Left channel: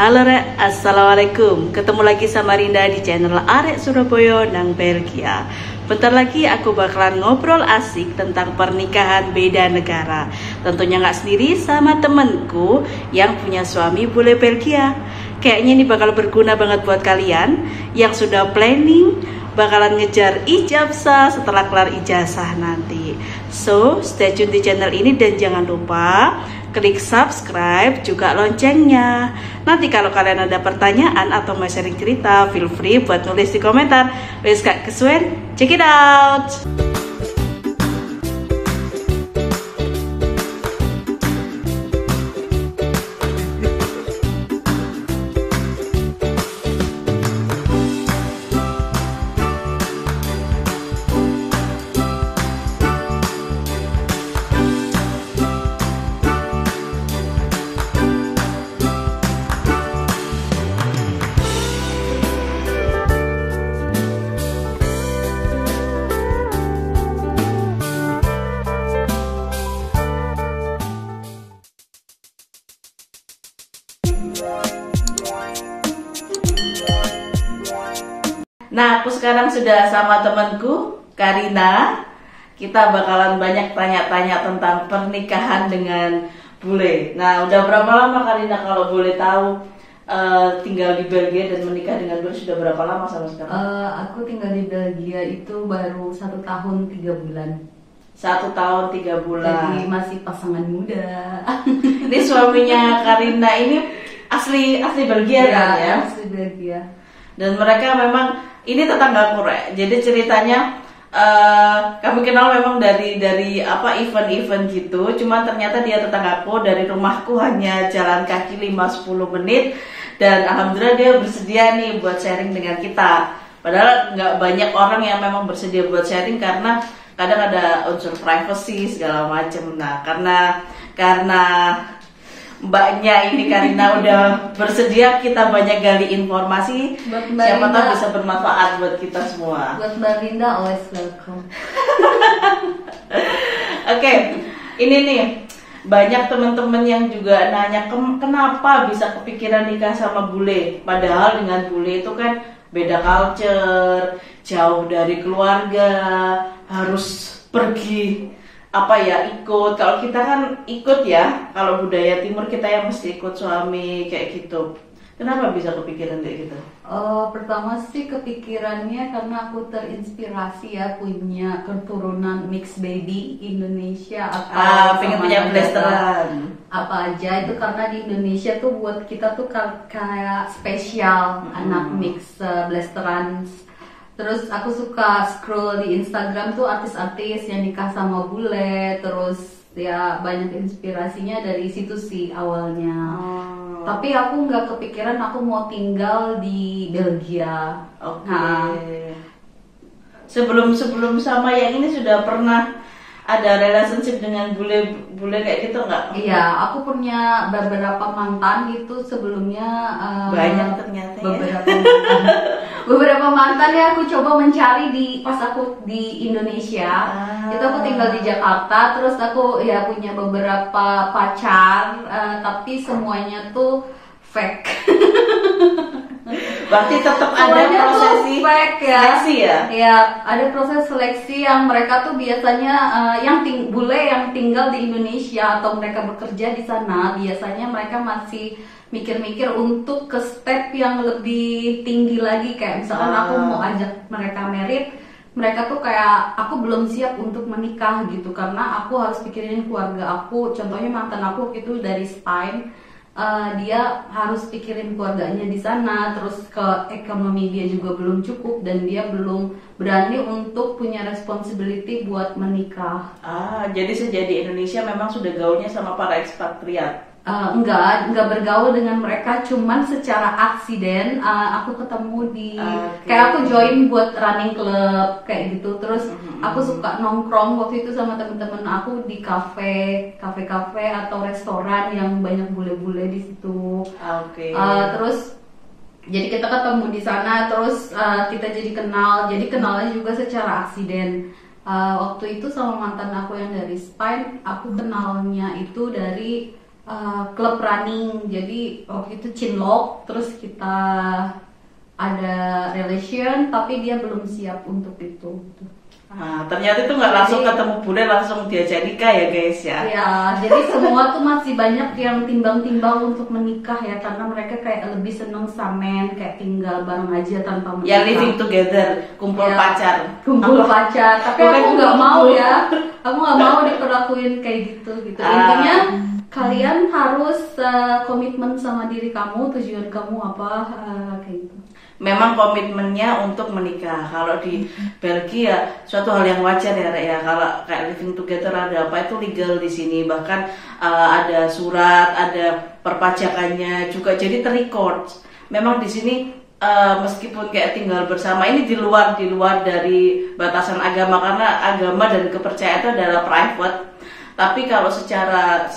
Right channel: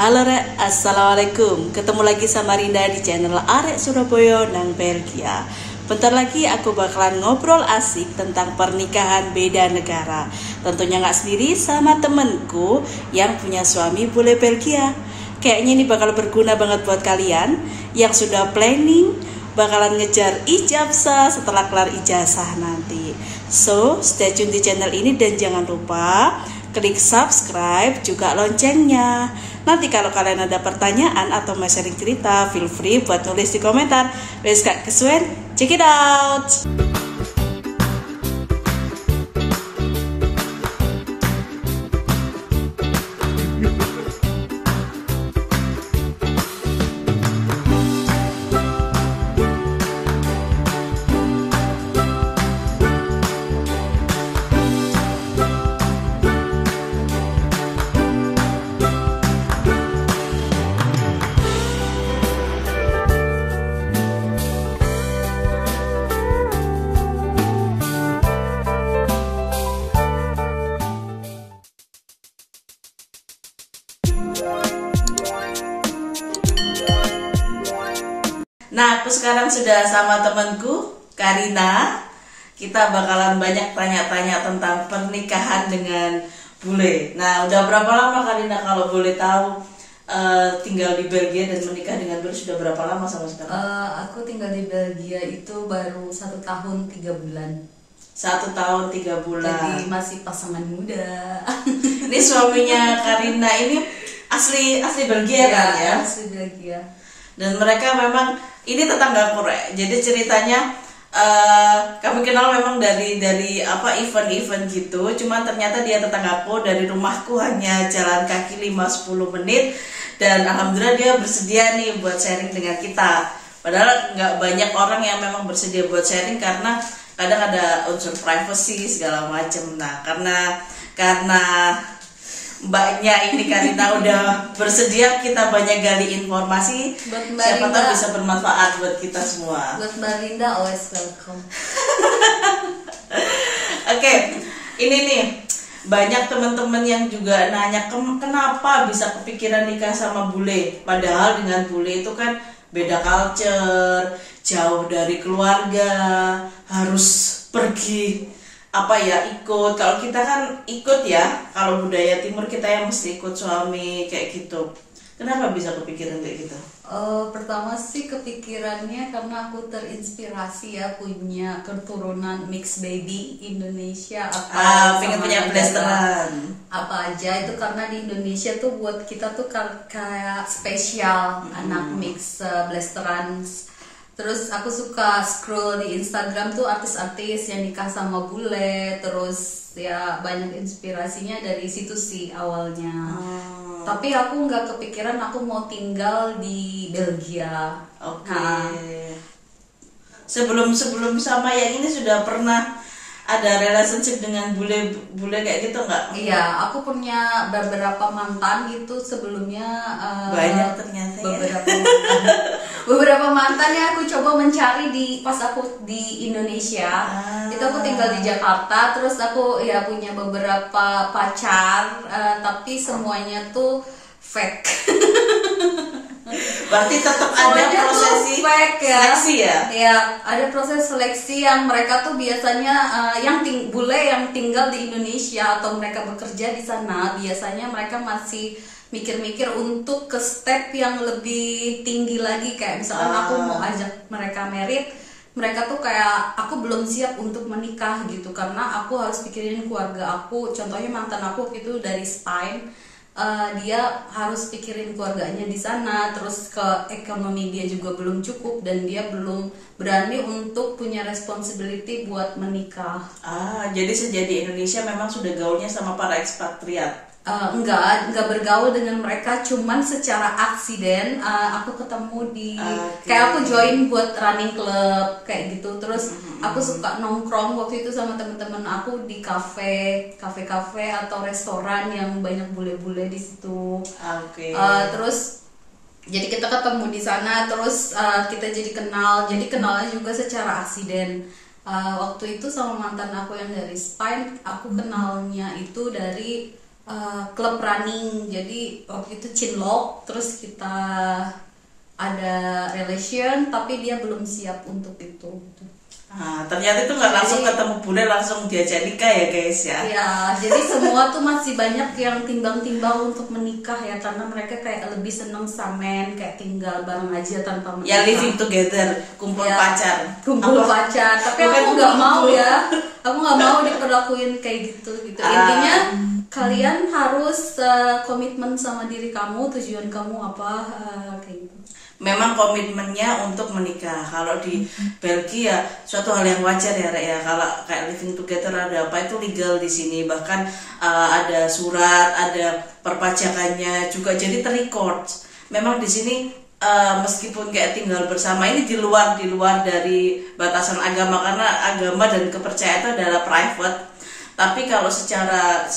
Halo Rek, Assalamualaikum. Ketemu lagi sama Rinda di channel Arek Surabaya nang Belgia. Bentar lagi aku bakalan ngobrol asik tentang pernikahan beda negara. Tentunya nggak sendiri, sama temenku yang punya suami bule Belgia. Kayaknya ini bakal berguna banget buat kalian yang sudah planning bakalan ngejar ijazah setelah kelar ijazah nanti. So, stay tune di channel ini dan jangan lupa klik subscribe juga loncengnya. Nanti kalau kalian ada pertanyaan atau mau sharing cerita, feel free buat nulis di komentar. Let's get kesuwen, check it out. Nah, aku sekarang sudah sama temanku, Karina. Kita bakalan banyak tanya-tanya tentang pernikahan dengan bule. Nah, udah berapa lama Karina kalau boleh tahu tinggal di Belgia dan menikah dengan bule sudah berapa lama sama sekarang? Aku tinggal di Belgia itu baru 1 tahun 3 bulan. 1 tahun 3 bulan. Jadi masih pasangan muda. Ini suaminya Karina ini asli Belgia kan ya? Asli Belgia. Dan mereka memang ini tetanggaku, Rek. Jadi ceritanya kami kenal memang dari event-event gitu. Cuman ternyata dia tetanggaku, dari rumahku hanya jalan kaki 5-10 menit. Dan alhamdulillah dia bersedia nih buat sharing dengan kita. Padahal nggak banyak orang yang memang bersedia buat sharing karena kadang ada unsur privacy segala macam. Nah, karena mbaknya ini Karina udah bersedia, kita banyak gali informasi. Siapa tahu bisa bermanfaat buat kita semua. Buat Mbak Linda, always welcome. Oke, ini nih banyak teman-teman yang juga nanya kenapa bisa kepikiran nikah sama bule. Padahal dengan bule itu kan beda culture, jauh dari keluarga, harus pergi ikut. Kalau kita kan ikut ya, kalau budaya timur kita yang mesti ikut suami kayak gitu. Kenapa bisa kepikiran kayak gitu? Pertama sih kepikirannya karena aku terinspirasi ya punya keturunan mixed baby Indonesia atau pengen punya blasteran apa aja itu, karena di Indonesia tuh buat kita tuh kayak spesial anak mix blasteran. Terus aku suka scroll di Instagram tuh artis-artis yang nikah sama bule. Terus ya banyak inspirasinya dari situ sih awalnya. Tapi aku nggak kepikiran aku mau tinggal di Belgia. Oke. Sebelum sama yang ini sudah pernah ada relationship dengan bule kayak gitu nggak? Iya, aku punya beberapa mantan gitu sebelumnya. Banyak ternyata Beberapa mantan ya aku coba mencari pas aku di Indonesia. Itu aku tinggal di Jakarta, terus aku ya punya beberapa pacar, tapi semuanya tuh fake. Berarti tetap ada proses seleksi ya? Ya, ada proses seleksi yang mereka tuh biasanya bule yang tinggal di Indonesia atau mereka bekerja di sana, biasanya mereka masih mikir-mikir untuk ke step yang lebih tinggi lagi, kayak misalkan aku mau ajak mereka merit, mereka tuh kayak aku belum siap untuk menikah gitu karena aku harus pikirin keluarga aku. Contohnya mantan aku itu dari Spain. Dia harus pikirin keluarganya di sana, terus ke ekonomi dia juga belum cukup dan dia belum berani untuk punya responsibility buat menikah. Jadi sejak di Indonesia memang sudah gaulnya sama para ekspatriat? Enggak bergaul dengan mereka, cuman secara aksiden aku ketemu di kayak aku join buat running club kayak gitu. Terus aku suka nongkrong waktu itu sama temen-temen aku di kafe atau restoran yang banyak bule-bule di situ. Terus jadi kita ketemu di sana, terus kita jadi kenal. Jadi kenalnya juga secara aksiden. Waktu itu sama mantan aku yang dari Spain, aku kenalnya itu dari klub running. Jadi waktu itu cinlok, terus kita ada relation, tapi dia belum siap untuk itu. Nah, ternyata itu nggak langsung ketemu bule, langsung diajak nikah ya guys ya. Iya, jadi semua tuh masih banyak yang timbang-timbang untuk menikah ya, karena mereka kayak lebih seneng samen, kayak tinggal bareng aja tanpa menikah. Ya living together, kumpul Ya, pacar. kumpul pacar. Tapi Bukan aku nggak mau kumpul. ya, aku nggak mau diperlakuin kayak gitu. Intinya kalian harus komitmen sama diri kamu, tujuan kamu apa, kayak gitu. Memang komitmennya untuk menikah. Kalau di Belgia suatu hal yang wajar ya, Rek, ya. Kalau kayak living together ada apa itu legal di sini. Bahkan ada surat, ada perpajakannya juga, jadi terrecord. Memang di sini meskipun kayak tinggal bersama ini di luar dari batasan agama, karena agama dan kepercayaan itu adalah private. Tapi kalau secara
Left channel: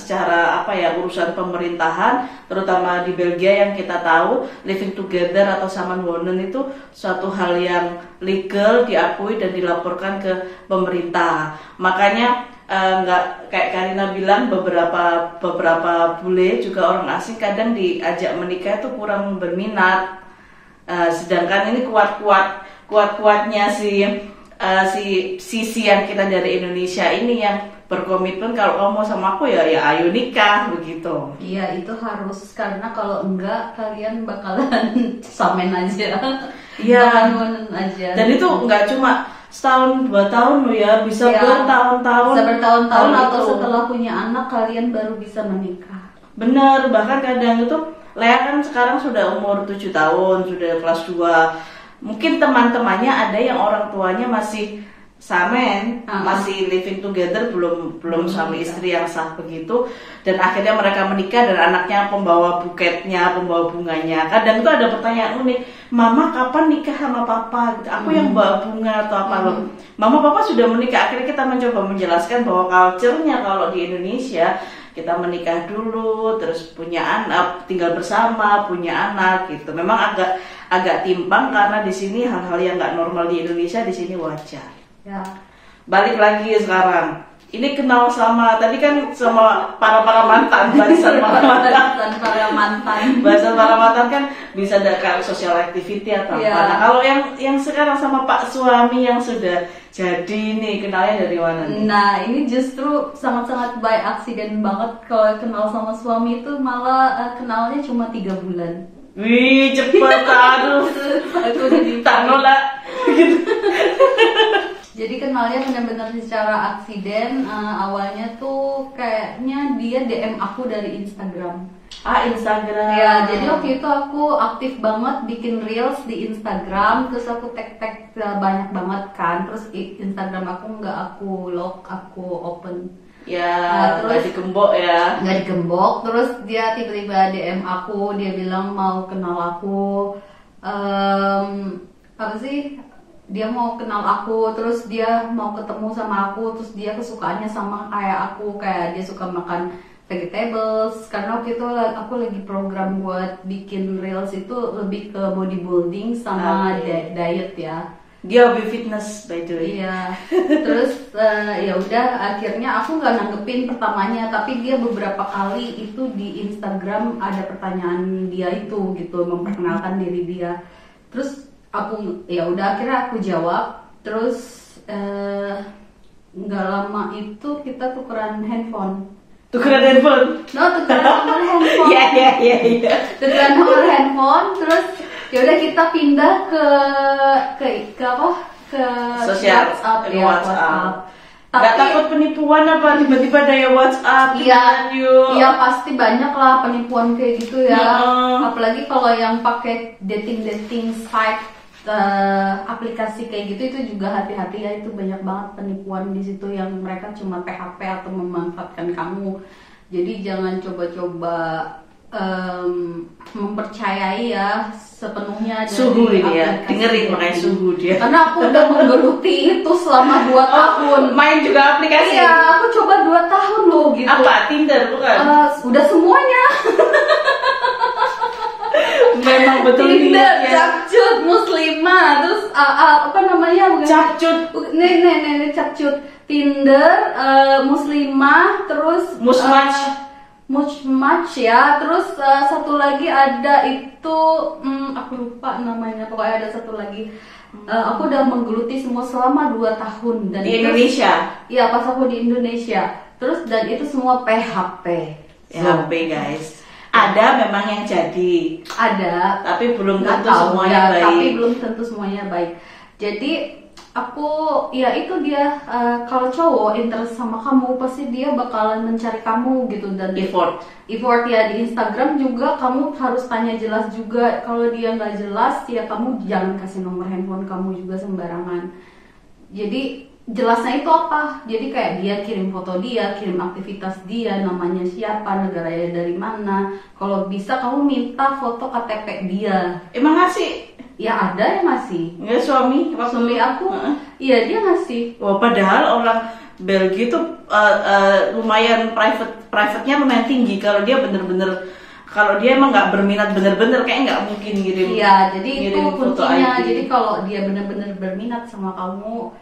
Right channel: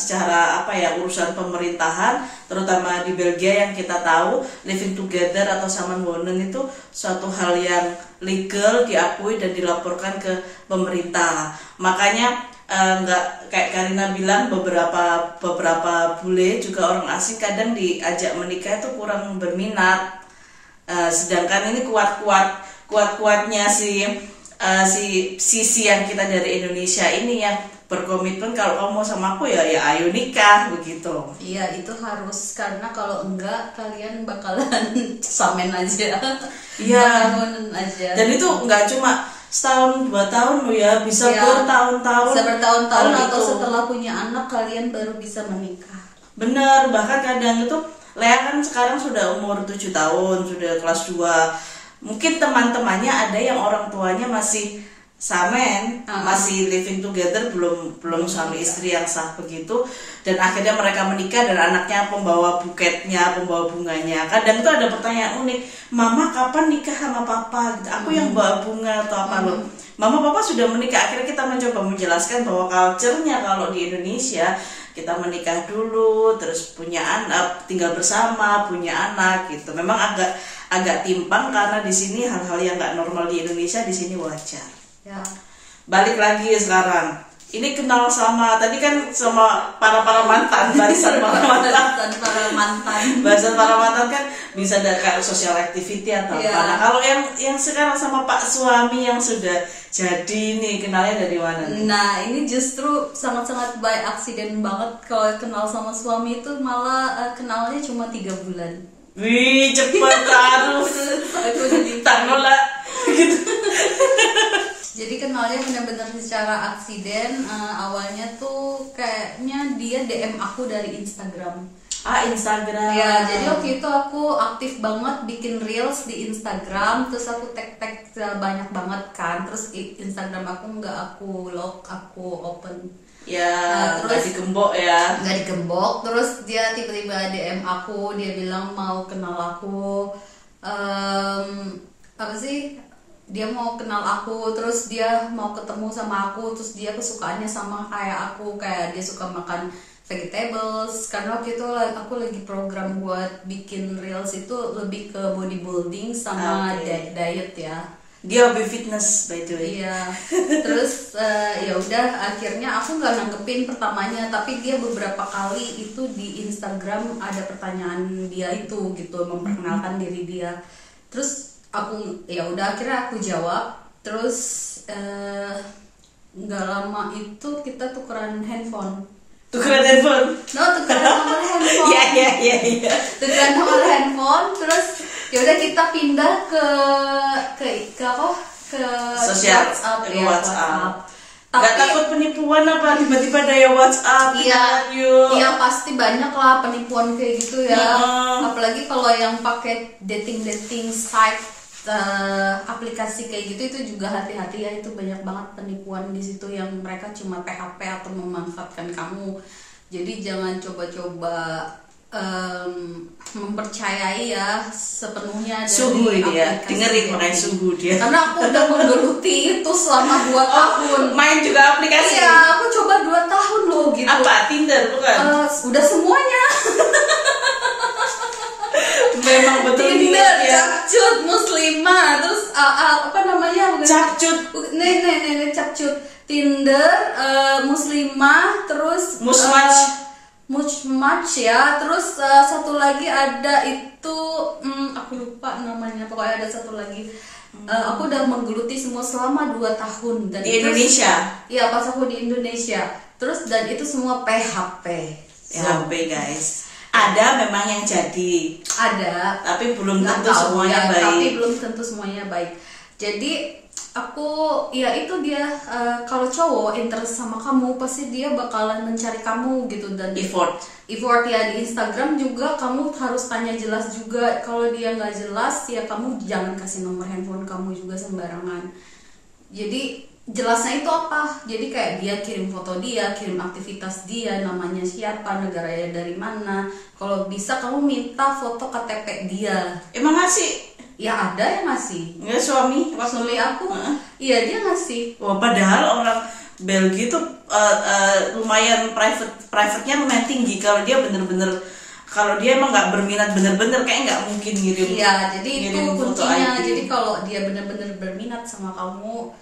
apa ya, urusan pemerintahan, terutama di Belgia yang kita tahu, living together atau samanwonen itu suatu hal yang legal, diakui dan dilaporkan ke pemerintah. Makanya nggak kayak Karina bilang, beberapa bule juga orang asing kadang diajak menikah itu kurang berminat. Sedangkan ini kuatnya si sisi yang kita dari Indonesia ini yang berkomitmen, kalau kamu mau sama aku ya ayo nikah begitu. Iya, itu harus, karena kalau enggak kalian bakalan samen aja. Iya. Samen aja. Dan itu nggak cuma setahun 2 tahun loh ya, bisa Ya, bertahun-tahun. bisa bertahun-tahun Hal atau itu. setelah punya anak kalian baru bisa menikah. Bener, bahkan kadang itu Lea kan sekarang sudah umur 7 tahun, sudah kelas 2. Mungkin teman-temannya ada yang orang tuanya masih samen, masih living together, belum suami istri yang sah begitu, dan akhirnya mereka menikah dan anaknya pembawa buketnya, pembawa bunganya. Kadang itu ada pertanyaan unik, mama kapan nikah sama papa gitu, aku yang bawa bunga atau apa loh. Mama papa sudah menikah. Akhirnya kita mencoba menjelaskan bahwa culture-nya kalau di Indonesia kita menikah dulu, terus punya anak, tinggal bersama, punya anak gitu. Memang agak timpang karena di sini hal-hal yang nggak normal di Indonesia di sini wajar. Ya. Balik lagi sekarang. Ini kenal sama tadi kan sama para mantan, barisan para mantan. Barisan para mantan kan bisa ada kayak social activity atau apa. Nah, kalau yang sekarang sama Pak suami yang sudah jadi nih, kenalnya dari mana nih? Nah, ini justru sangat-sangat by accident banget. Kalau kenal sama suami itu malah kenalnya cuma 3 bulan. Wih, cepet, aduh. Tak nolak gitu. Jadi kenalnya benar-benar secara aksiden. Awalnya tuh kayaknya dia DM aku dari Instagram. Instagram. Ya, jadi waktu itu aku aktif banget bikin reels di Instagram, terus aku tag banyak banget kan. Terus Instagram aku nggak aku lock, aku open. Ya, terus digembok ya. Nggak digembok. Terus dia tiba-tiba DM aku, dia bilang mau kenal aku. Apa sih? Dia mau kenal aku, terus dia mau ketemu sama aku, terus dia kesukaannya sama kayak aku, kayak dia suka makan vegetables. Karena waktu itu aku lagi program buat bikin reels itu lebih ke bodybuilding sama diet ya. Dia hobi fitness by the way. Iya. Terus ya udah, akhirnya aku nggak nanggepin pertamanya, tapi dia beberapa kali itu di Instagram ada pertanyaan dia itu gitu, memperkenalkan diri dia. Terus aku ya udah, akhirnya aku jawab. Terus nggak lama itu kita tukeran handphone. Tukeran handphone? No, tukeran nomor handphone. Iya. Tukeran nomor handphone. Terus ya udah kita pindah ke apa? Ke sosial WhatsApp. WhatsApp. Tapi, gak takut penipuan apa? Tiba-tiba ada ya WhatsApp. Iya pasti banyak lah penipuan kayak gitu ya. Apalagi kalau yang pakai dating site, aplikasi kayak gitu, itu juga hati-hati ya. Itu banyak banget penipuan di situ yang mereka cuma PHP atau memanfaatkan kamu. Jadi jangan coba-coba mempercayai ya sepenuhnya dari suhu ini ya, aplikasi dengerin makanya suhu dia. Karena aku udah menggeluti itu selama 2 tahun. Main juga aplikasi? Iya, aku coba 2 tahun loh gitu. Apa? Tinder bukan? Udah semuanya. Memang betul Tinder, ya. Capcut, Muslimah, terus apa namanya? Capcut. Capcut. Tinder, Muslimah, terus Musmatch. much ya. Terus satu lagi ada itu aku lupa namanya, pokoknya ada satu lagi. Aku udah menggeluti semua selama 2 tahun dan di Indonesia. Iya, pas aku di Indonesia. Terus dan itu semua PHP. PHP guys. Ada memang yang jadi. Ada, tapi belum tentu tahu, semuanya ya, baik. Tapi belum tentu semuanya baik. Jadi aku ya itu dia, kalau cowok interest sama kamu pasti dia bakalan mencari kamu gitu, dan effort ya. Di Instagram juga kamu harus tanya jelas juga. Kalau dia nggak jelas ya kamu jangan kasih nomor handphone kamu juga sembarangan. Jadi jelasnya itu apa? Jadi kayak dia kirim foto dia, kirim aktivitas dia, namanya siapa, negaranya dari mana. Kalau bisa kamu minta foto KTP dia. Emang ngasih? Ya ada yang ngasih. Enggak, suami aku, iya dia ngasih. Wah, padahal orang Belgia tuh lumayan private-nya lumayan tinggi. Kalau dia bener-bener, kalau dia emang nggak berminat bener-bener, kayak nggak mungkin ngirim. Iya, jadi itu kuncinya. ID. Jadi kalau dia bener-bener berminat sama kamu,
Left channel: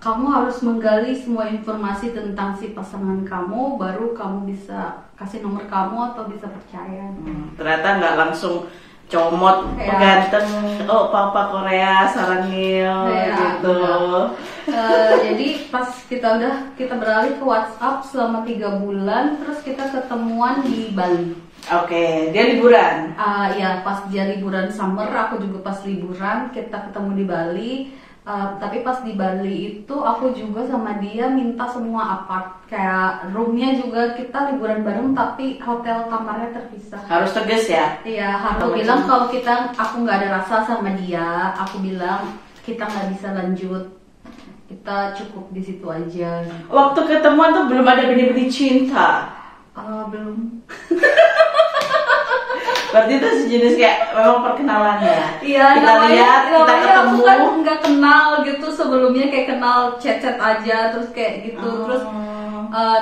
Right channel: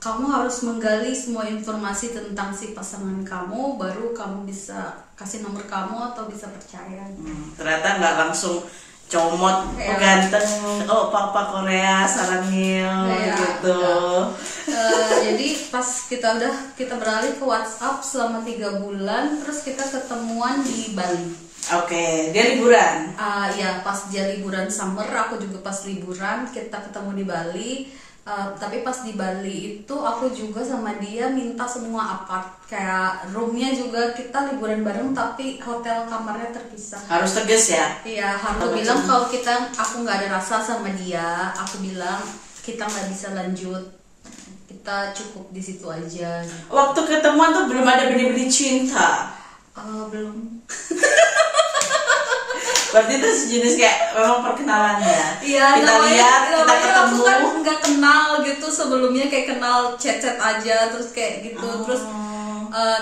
kamu harus menggali semua informasi tentang si pasangan kamu, baru kamu bisa kasih nomor kamu atau bisa percaya. Ternyata nggak langsung comot, ganteng, oh papa Korea sarangil gitu. Jadi pas kita beralih ke WhatsApp selama 3 bulan, terus kita ketemuan di Bali. Oke, dia liburan. Ya pas dia liburan summer, aku juga pas liburan, kita ketemu di Bali. Tapi pas di Bali itu aku juga sama dia minta semua apart, kayak roomnya juga kita liburan bareng tapi hotel kamarnya terpisah. Harus tegas ya? Iya, harus bilang kalau aku nggak ada rasa sama dia, aku bilang kita nggak bisa lanjut, kita cukup di situ aja. Waktu ketemuan tuh belum ada benih-benih cinta? Belum. Berarti itu sejenis kayak memang perkenalannya. Iya, kita lihat, kita ketemu. Aku kan nggak kenal gitu sebelumnya, kayak kenal chat-chat aja, terus kayak gitu. Terus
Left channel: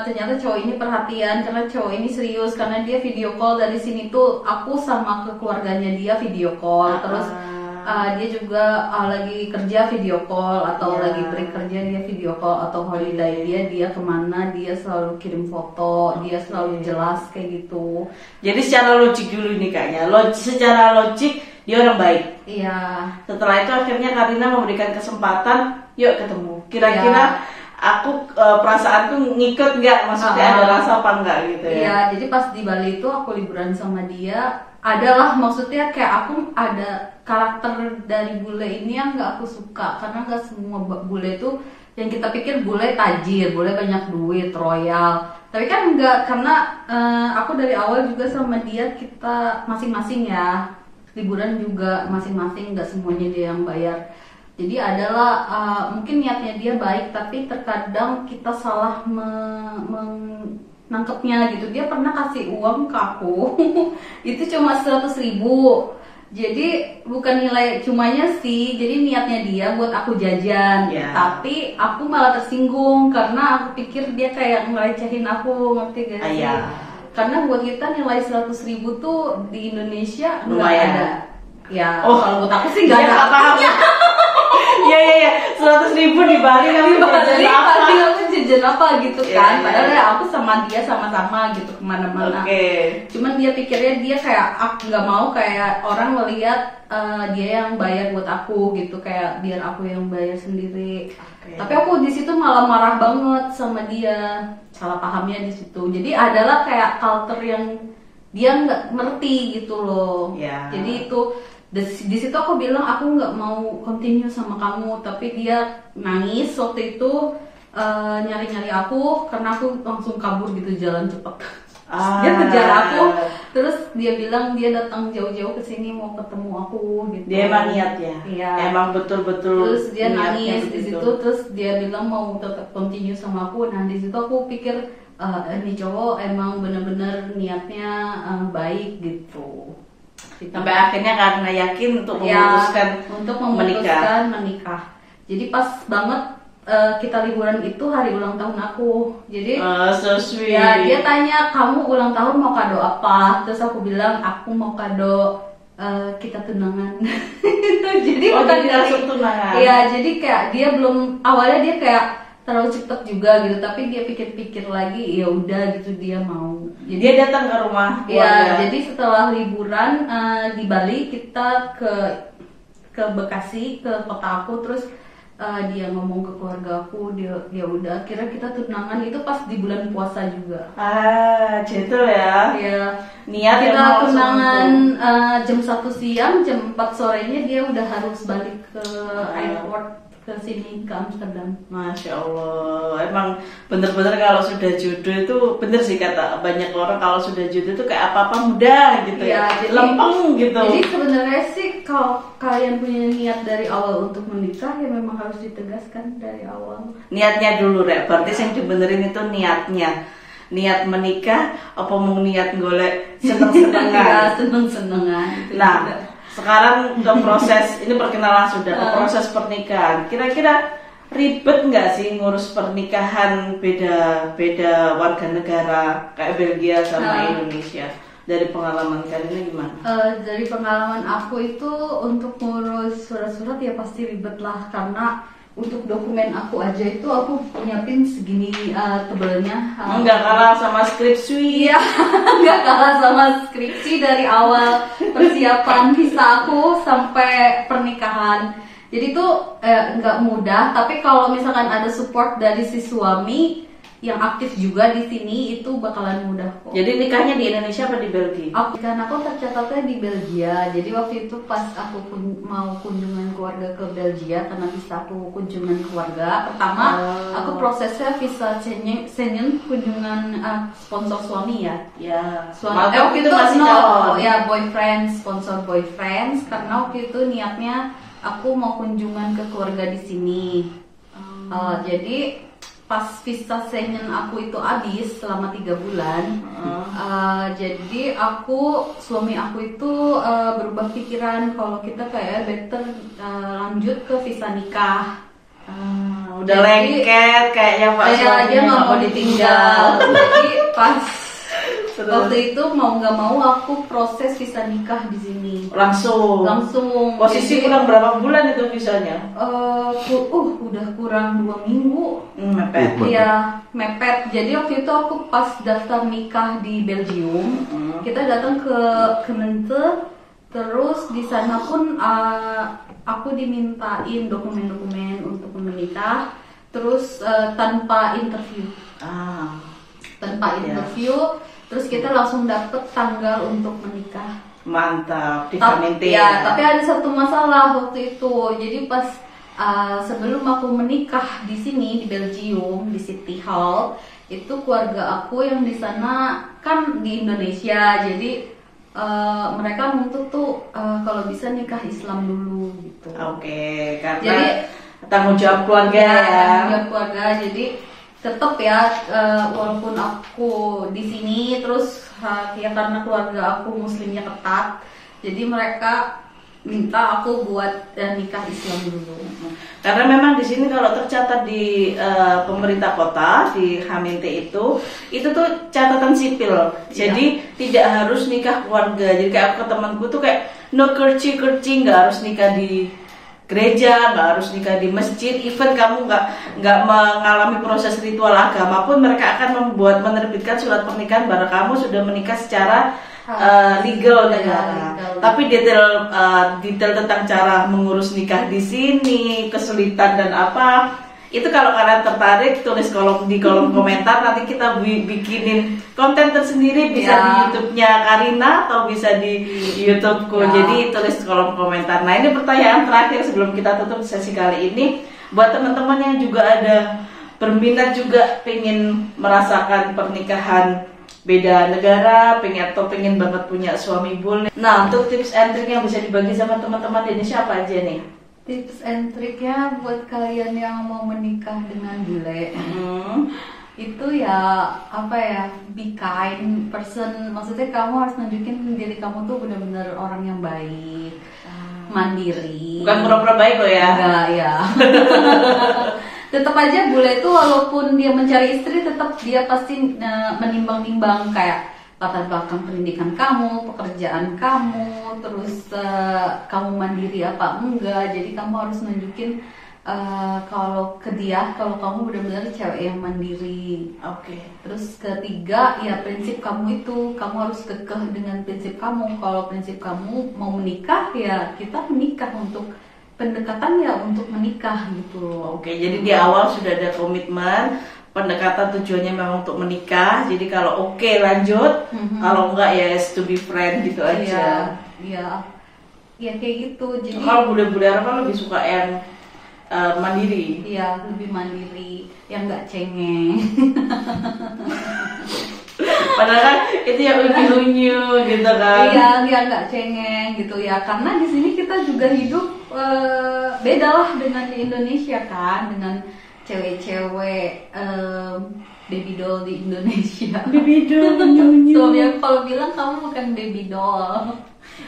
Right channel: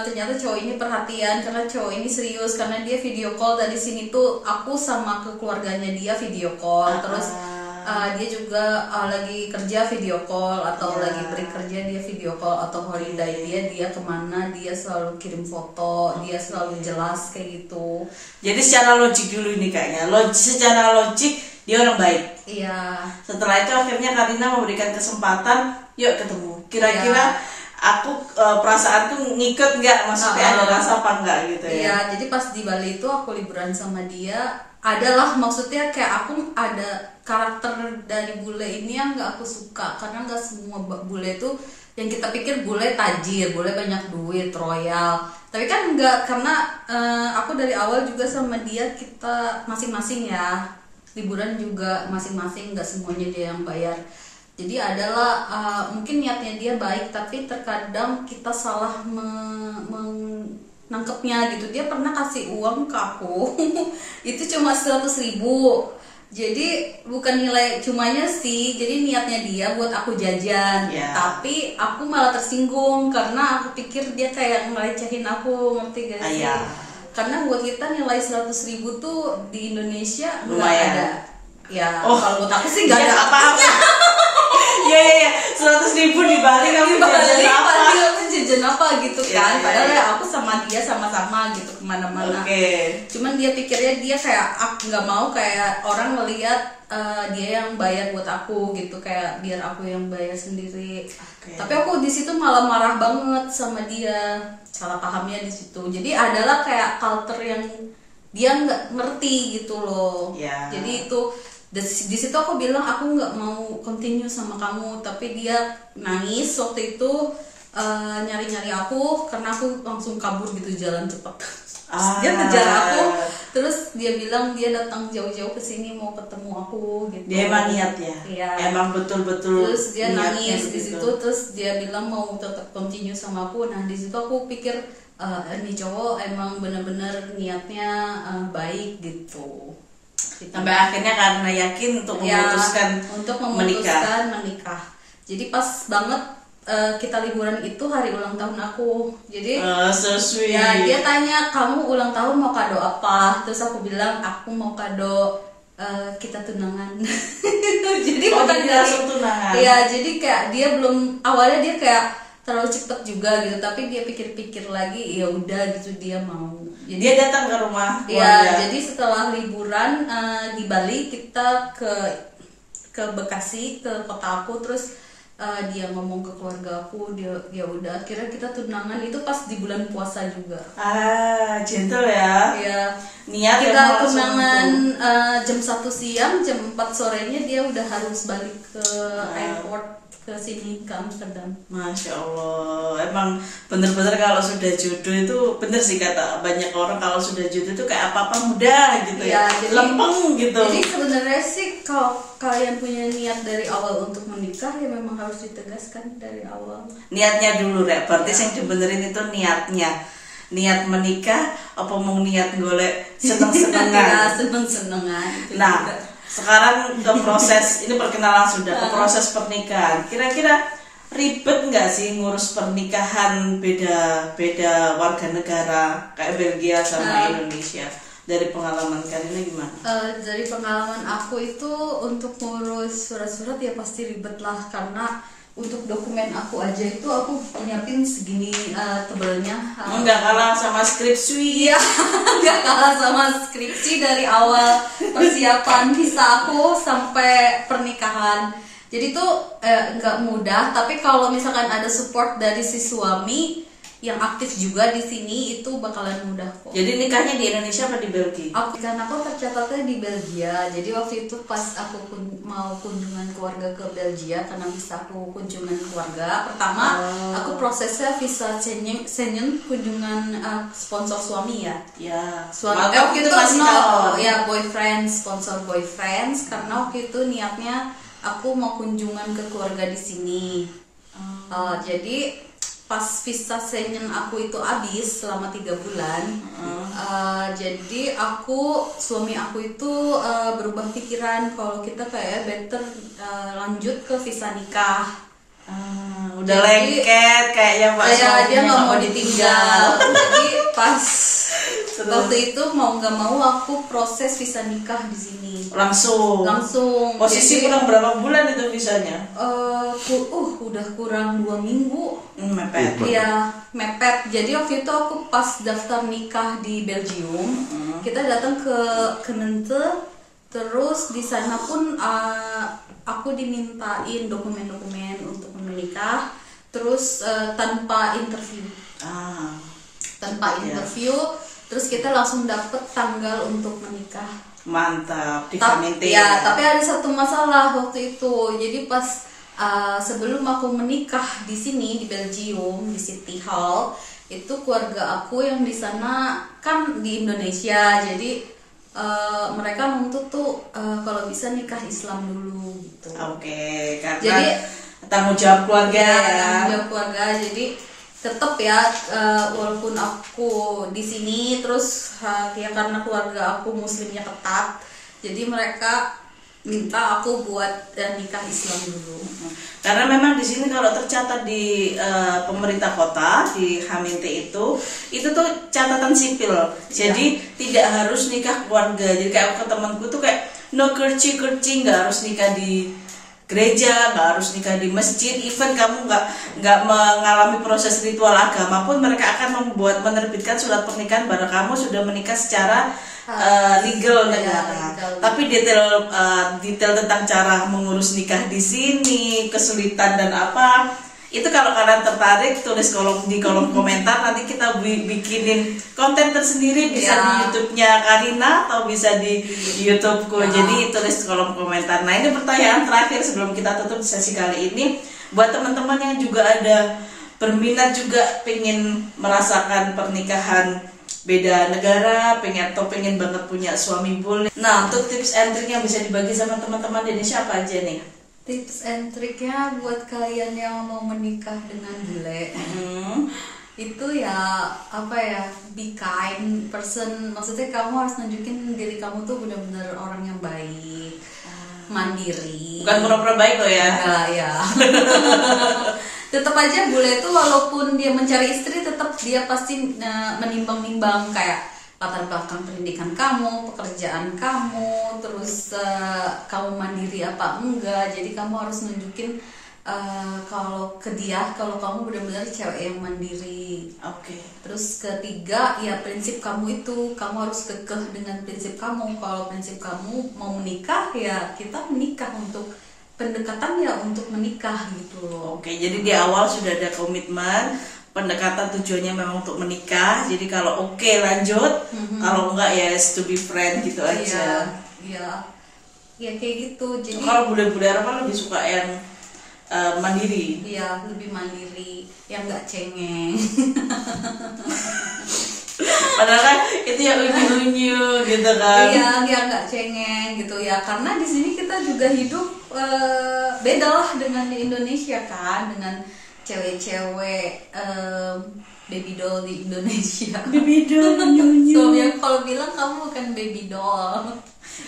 ternyata cowok ini perhatian karena cowok ini serius, karena dia video call dari sini tuh aku sama keluarganya dia video call. Terus dia juga lagi kerja video call, atau lagi break kerja dia video call, atau holiday dia kemana dia selalu kirim foto, dia selalu jelas kayak gitu. Jadi secara logik dulu ini kayaknya, secara logik dia orang baik. Iya. Setelah itu akhirnya Karina memberikan kesempatan, yuk ketemu. Kira-kira aku perasaan tuh ngikut nggak, maksudnya ada rasa apa enggak gitu ya? Iya, jadi pas di Bali itu aku liburan sama dia, adalah maksudnya kayak aku ada karakter dari bule ini yang nggak aku suka, karena nggak semua bule itu yang kita pikir bule tajir, bule banyak duit, royal. Tapi kan enggak, karena aku dari awal juga sama dia kita masing-masing ya, liburan juga masing-masing, nggak semuanya dia yang bayar. Jadi adalah mungkin niatnya dia baik, tapi terkadang kita salah nangkepnya gitu. Dia pernah kasih uang ke aku itu cuma 100.000. Jadi bukan nilai cumanya sih, jadi niatnya dia buat aku jajan. Tapi aku malah tersinggung karena aku pikir dia kayak ngelecehin aku, ngerti gak sih? Karena buat kita nilai 100.000 tuh di Indonesia nggak ada. Ya kalau buat aku sih nggak paham. Iya, 100.000 di Bali kamu jajan apa? Jajan apa gitu kan? Padahal ya aku sama dia sama-sama gitu kemana-mana. Cuman dia pikirnya dia kayak aku nggak mau kayak orang melihat dia yang bayar buat aku gitu, kayak biar aku yang bayar sendiri. Tapi aku di situ malah marah banget sama dia, salah pahamnya di situ. Jadi adalah kayak culture yang dia nggak ngerti gitu loh. Jadi itu di situ aku bilang aku nggak mau continue sama kamu, tapi dia nangis waktu itu, nyari-nyari aku karena aku langsung kabur gitu, jalan cepet. Dia kejar aku, terus dia bilang dia datang jauh-jauh ke sini mau ketemu aku gitu. Dia emang niat ya? Iya. Emang betul-betul. Terus dia nangis di situ, terus dia bilang mau tetap continue sama aku. Nah di situ aku pikir ini cowok emang bener-bener niatnya baik gitu. Sampai akhirnya karena yakin untuk memutuskan menikah. Jadi pas banget kita liburan itu hari ulang tahun aku. Jadi so sweet. Ya dia tanya kamu ulang tahun mau kado apa? Terus aku bilang aku mau kado kita tunangan. Jadi jadi langsung tunangan. Iya, jadi kayak dia belum, awalnya dia kayak terlalu cepet juga gitu, tapi dia pikir-pikir lagi, ya udah gitu dia mau. Jadi dia datang ke rumah keluarga. Ya, jadi setelah liburan di Bali kita ke Bekasi, ke kota aku, terus dia ngomong ke keluarga aku, dia udah akhirnya kita tunangan itu pas di bulan puasa juga. Gentle ya. Ya, Niat kita emang tunangan jam 1 siang, jam 4 sorenya dia udah harus balik ke airport ke sini, ke Amsterdam. Masya Allah, emang bener-bener kalau sudah jodoh itu bener sih kata banyak orang, kalau sudah jodoh itu kayak apa-apa mudah gitu ya, lempeng gitu. Jadi sebenarnya sih kalau kalian punya niat dari awal untuk menikah ya memang harus ditegaskan dari awal. Niatnya dulu Rek, berarti yang dibenerin itu niatnya. Niat menikah apa mau niat golek seneng-senengan. Ya, seneng-senengan. Nah, sekarang ke proses ini perkenalan sudah ke proses pernikahan. Kira-kira ribet nggak sih ngurus pernikahan beda warga negara kayak Belgia sama Indonesia? Dari pengalaman kalian gimana? Dari pengalaman aku itu untuk ngurus surat-surat ya pasti ribet lah, karena untuk dokumen aku aja itu aku nyiapin segini tebelnya. Nggak kalah sama skripsi. Iya, nggak kalah sama skripsi dari awal persiapan visa aku sampai pernikahan. Jadi tuh nggak mudah, tapi kalau misalkan ada support dari si suami yang aktif juga di sini itu bakalan mudah kok. Jadi nikahnya di Indonesia apa di Belgia? Aku tercatatnya di Belgia. Jadi waktu itu pas aku mau kunjungan keluarga ke Belgia, karena bisa aku kunjungan keluarga. Pertama, aku prosesnya visa Schengen kunjungan sponsor suami ya. Ya. Suami waktu itu masih calon. Ya, boyfriend, sponsor boyfriend. Karena waktu itu niatnya aku mau kunjungan ke keluarga di sini. Jadi pas visa Schengen aku itu habis selama 3 bulan, jadi suami aku itu berubah pikiran kalau kita kayak better lanjut ke visa nikah. Udah lengket kayaknya Pak suaminya. Dia nggak mau ditinggal. Jadi pas waktu itu mau nggak mau aku proses visa nikah di sini. Langsung. Posisi kurang berapa bulan itu visanya? Udah kurang 2 minggu. Mepet. Iya, mepet. Jadi waktu itu aku pas daftar nikah di Belgium, kita datang ke Kemente, terus di sana pun aku dimintain dokumen-dokumen untuk menikah, terus tanpa interview. Tanpa interview, terus kita langsung dapet tanggal untuk menikah. Mantap, di Kemente. Ya, tapi ada satu masalah waktu itu. Jadi pas sebelum aku menikah di sini di Belgium di City Hall, itu keluarga aku yang di sana kan di Indonesia, jadi mereka menuntut tuh kalau bisa nikah Islam dulu gitu. Oke, karena jadi, tanggung jawab keluarga ya. Tanggung jawab keluarga, jadi tetap ya walaupun aku di sini terus ya karena keluarga aku muslimnya ketat, jadi mereka minta aku buat nikah Islam dulu. Karena memang di sini kalau tercatat di pemerintah kota di Kemente itu tuh catatan sipil. Jadi tidak harus nikah keluarga. Jadi kayak aku ke temanku tuh kayak no kerci nggak harus nikah di gereja, nggak harus nikah di masjid. Even kamu nggak mengalami proses ritual agama pun mereka akan menerbitkan surat pernikahan bahwa kamu sudah menikah secara legal negara. Tapi detail tentang cara mengurus nikah di sini, kesulitan dan apa, itu kalau kalian tertarik tulis di kolom komentar, nanti kita bikinin konten tersendiri, bisa di YouTube-nya Karina atau bisa di YouTube-ku. Jadi tulis kolom komentar. Nah, ini pertanyaan terakhir sebelum kita tutup sesi kali ini, buat teman-teman yang juga ada berminat juga pengen merasakan pernikahan beda negara, pengen banget punya suami bule. Nah, untuk tips and trick yang bisa dibagi sama teman-teman di Indonesia apa aja nih? Tips and triknya buat kalian yang mau menikah dengan bule, itu ya apa ya, be kind person. Maksudnya kamu harus nunjukin diri kamu tuh benar-benar orang yang baik, mandiri. Bukan pura-pura baik kok ya? Enggak ya. Tetap aja bule itu walaupun dia mencari istri, tetap dia pasti menimbang-nimbang kayak latar belakang pendidikan kamu, pekerjaan kamu, terus kamu mandiri apa enggak. Jadi kamu harus nunjukin kalau ke dia, kalau kamu benar-benar cewek yang mandiri. Oke. Terus ketiga, ya prinsip kamu itu, kamu harus kekeh dengan prinsip kamu. Kalau prinsip kamu mau menikah, ya kita menikah, untuk pendekatan ya untuk menikah gitu loh. Oke, jadi di awal sudah ada komitmen, pendekatan tujuannya memang untuk menikah. Jadi kalau oke, lanjut, kalau enggak ya to be friend gitu aja. Iya, ya kayak gitu. Jadi kalau bule-bule apa lebih suka yang mandiri? Iya, lebih mandiri, yang nggak cengeng. Padahal kan itu ya unyu-unyu gitu kan. Iya, dia nggak cengeng gitu ya, karena di sini kita juga hidup beda lah dengan di Indonesia kan, dengan cewek-cewek baby doll di Indonesia. Baby doll unyu-unyu. Suaminya kalau bilang kamu bukan baby doll.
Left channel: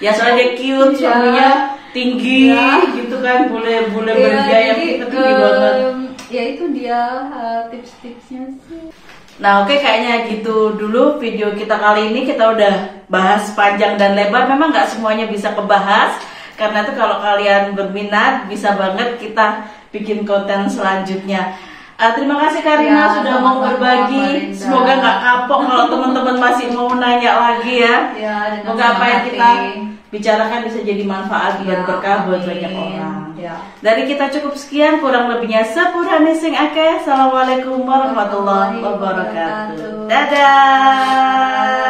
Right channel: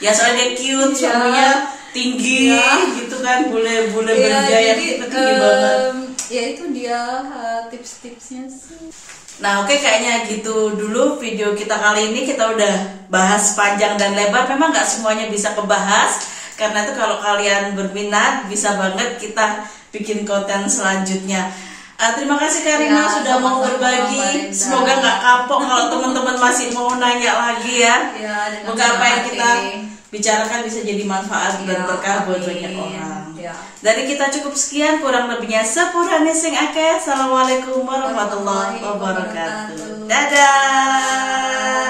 Ya soalnya dia cute, suaminya tinggi gitu kan, bule-bule bergaya tinggi banget. Ya itu dia tips-tipsnya sih. Nah oke, kayaknya gitu dulu video kita kali ini. Kita udah bahas panjang dan lebar, memang nggak semuanya bisa kebahas. Karena itu kalau kalian berminat bisa banget kita bikin konten selanjutnya. Terima kasih Karina sudah mau berbagi. Semoga nggak kapok kalau teman-teman masih mau nanya lagi ya. Semoga apa yang kita bicarakan bisa jadi manfaat dan berkah buat banyak orang. Dari kita cukup sekian, kurang lebihnya sepurane sing akeh. Assalamualaikum warahmatullahi wabarakatuh. Dadah.